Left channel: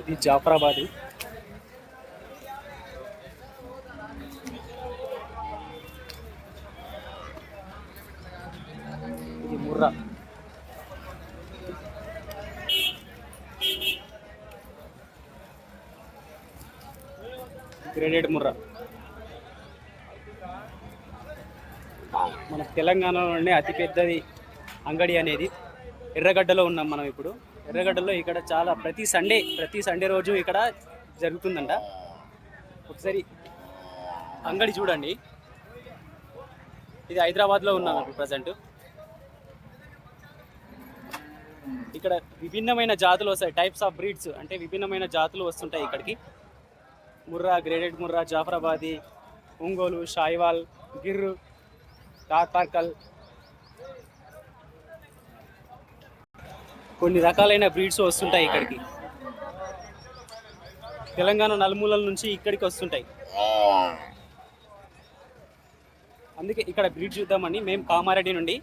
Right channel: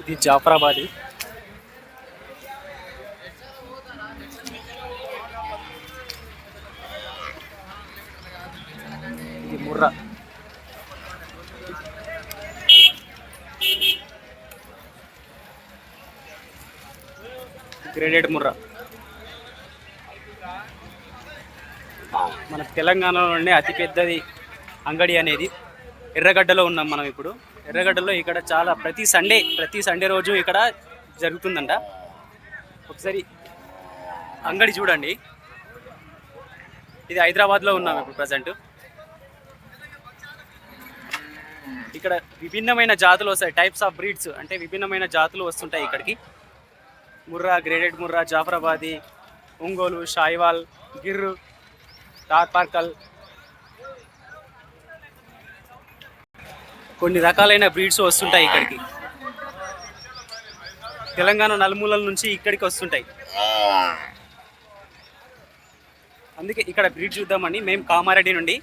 ఇది జాఫరాబాద్. ఇది ముర్రా. గ్రేడెడ్ ముర్రా. మన తెలంగాణలోనే అతిపెద్దది అంగడి అనేది ఎర్రగడ్డలో ఉన్నాం మనం ఇప్పుడు. ఎర్రగడ్డలో ఇక్కడ చాలా ప్రతి సండే రోజు ఇక్కడ జరుగుతుందంట. ఒకసారి అంగడి చూడండి. ఇది హైదరాబాద్లో ఉన్నాం ఇప్పుడు ప్రజెంట్. ఇక్కడ విభిన్నమైన జాతులు వస్తాయి, టైప్స్ ఆఫ్ బ్రీడ్స్, అంటే విభిన్నమైన జాతులు వస్తుంటాయి ఇక్కడికి. ముర్రా, గ్రేడెడ్ ముర్రా, జాఫరాబాదీ, ఒంగోలు, షాయివాల్, గిర్రు, తార్పార్కల్, కొన్ని రకాలైన బ్రీడ్స్ వస్తుంటాయి ఇక్కడికి. తెలంగాణ నలుమూలల నుంచి ఇక్కడికి వస్తుంటాయి. అందుకే ఇక్కడ బ్రీడ్ చూద్దామని మేము కామారెడ్డి నుండి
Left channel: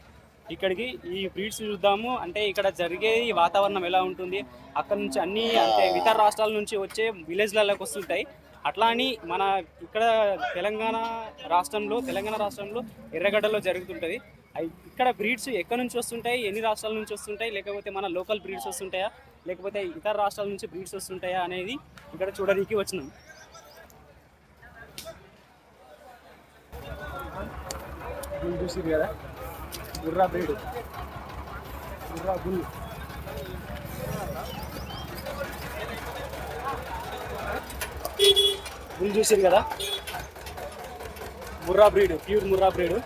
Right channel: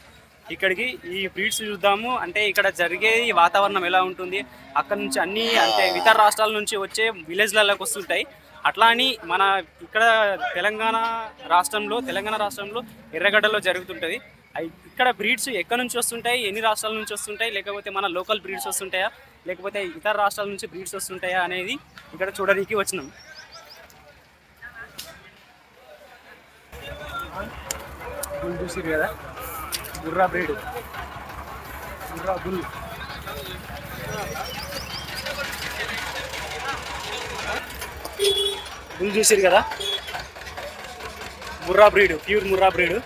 ఇక్కడికి ఈ బ్రీడ్స్ చూద్దాము. అంటే ఇక్కడ జరిగే వాతావరణం ఎలా ఉంటుంది, అక్కడ నుంచి అన్నీ అంటే ఇతర రాష్ట్రాల నుంచి వచ్చే విలేజ్లలోకి వస్తుంటాయి. అట్లా అని మన ఇక్కడ తెలంగాణ రాష్ట్రంలో ఎర్రగడ్డలో జరుగుతుంటుంది. ఇక్కడ బ్రీడ్స్ ఎక్కడి నుంచి వస్తుంటాయి, ఎన్ని రాష్ట్రాల నుంచి వస్తుంటాయి, లేకపోతే మన లోకల్ బ్రీడ్స్ వస్తుంటాయా, లేకపోతే ఇతర రాష్ట్రాల నుంచి బ్రీడ్స్ వస్తుంటాయా అనేది ఇక్కడ చూడడానికి వచ్చినాం. బుల్ చూసిరు కదా, Murrah breed, Murrah bull. Bull చూసిరు కదా, Murrah breed, pure Murrah breed.